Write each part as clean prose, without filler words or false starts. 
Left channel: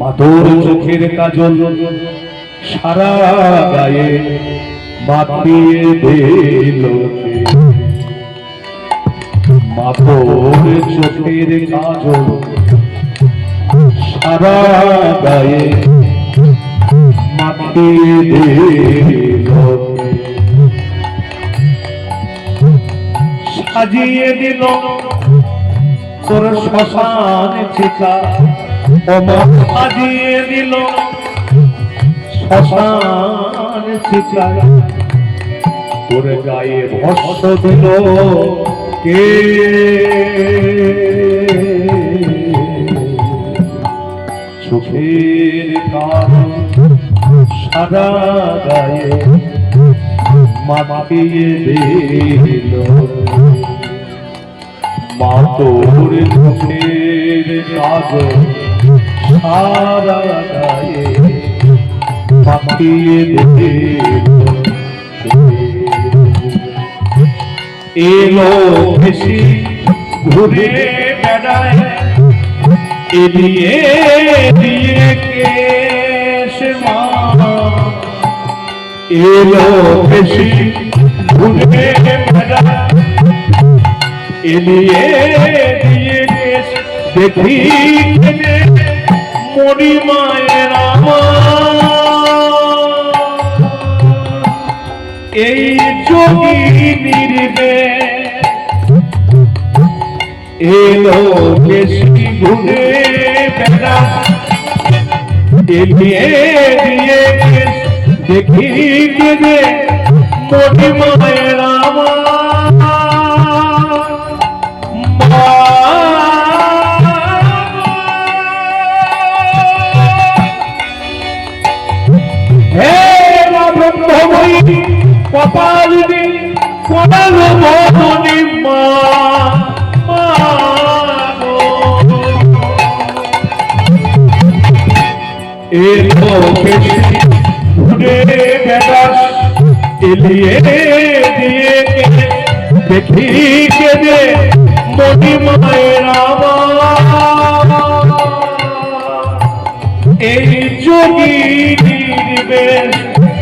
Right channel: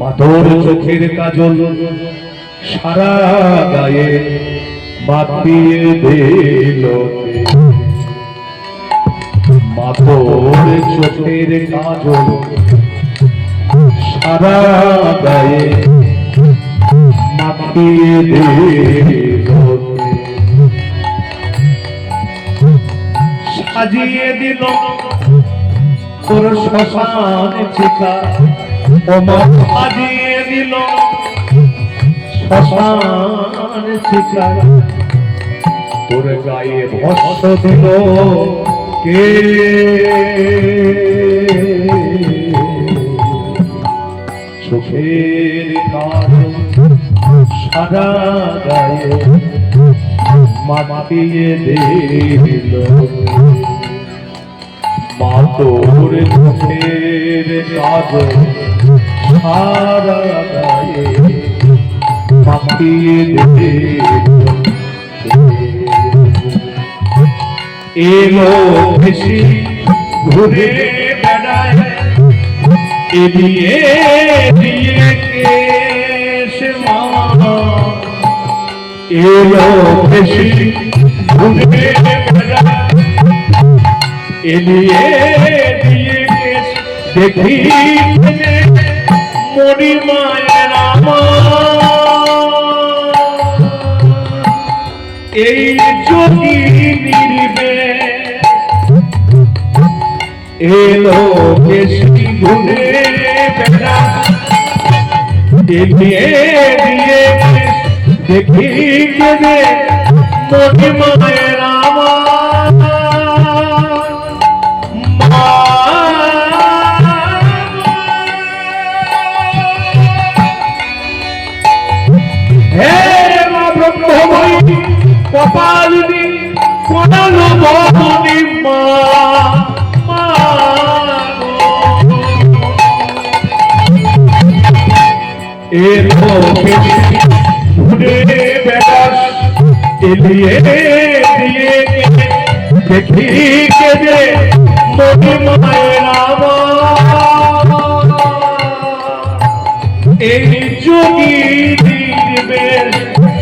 মাতোর চোখের কাজল সারা গায়ে মাখিয়ে দিল। মাতোর চোখের কাজল সারা গায়ে মাখিয়ে দিল। সাজিয়ে দিল তোর শ্মশান চিতা, ও মা সাজিয়ে দিল শ্মশান চিতা। তোর গায়ে ভস্ম দিল কে? চোখের কাজল সারা গায়ে মাখিয়ে দিল। মা তোর চোখের কাজল সারা গায়ে মাখিয়ে দিল। এলো ভেসে ঘুরে বেড়ায় এদিকে কেশে মা। এলো ভেসে ঘুরে বেড়ায় এদিকে দেখি মরি মায়ের এই যোগী নির্বে এলো বেশি ঘুরে বেড়া এগিয়ে দিয়ে দেখি কে মরি মায়ের কপালি কপাল মনি মা। এলো বেশি ঘুরে বেড়াস এলিয়ে দিয়ে দেখি কে দে মনি মায়ের এই যোগী নির্বেশ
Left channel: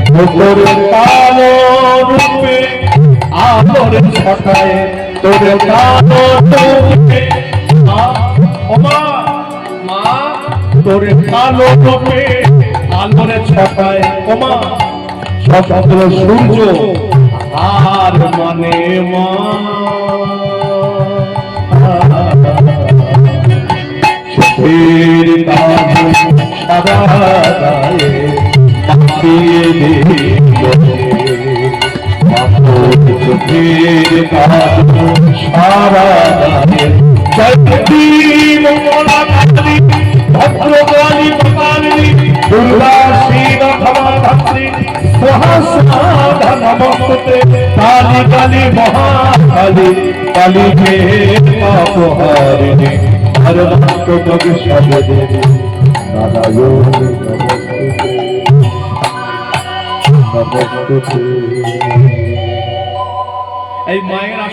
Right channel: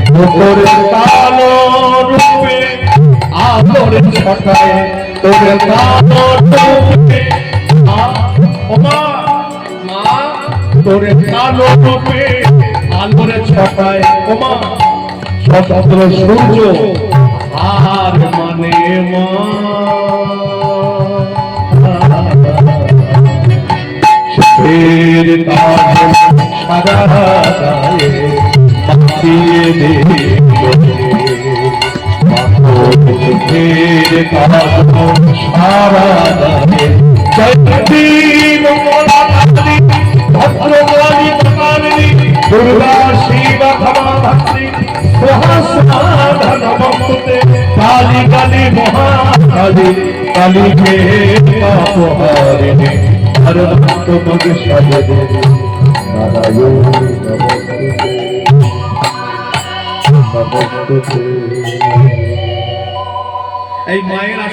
তোর কালো রূপে আলোর ছটায় তোর কালো রূপে তোর কালো রূপে আলোর ছটায় ওমা সশস্ত্র সূর্য আর মানে মা। চোখের কাজল সারা গায়ে মাখিয়ে দিল। চোখের কাজল সারা গায়ে চন্দ্রী মঙ্গলা কালী ভদ্রকালী মহাকালী দুর্গা শিব ক্ষমা ভাত্রী সহস্রনাধা নমস্তুতে কালী কালী মহাকালী কালী কে পাপহারিণী হরভক্ত সাধে দেবী নারায়ণী নমস্তুতে। এই মায়ের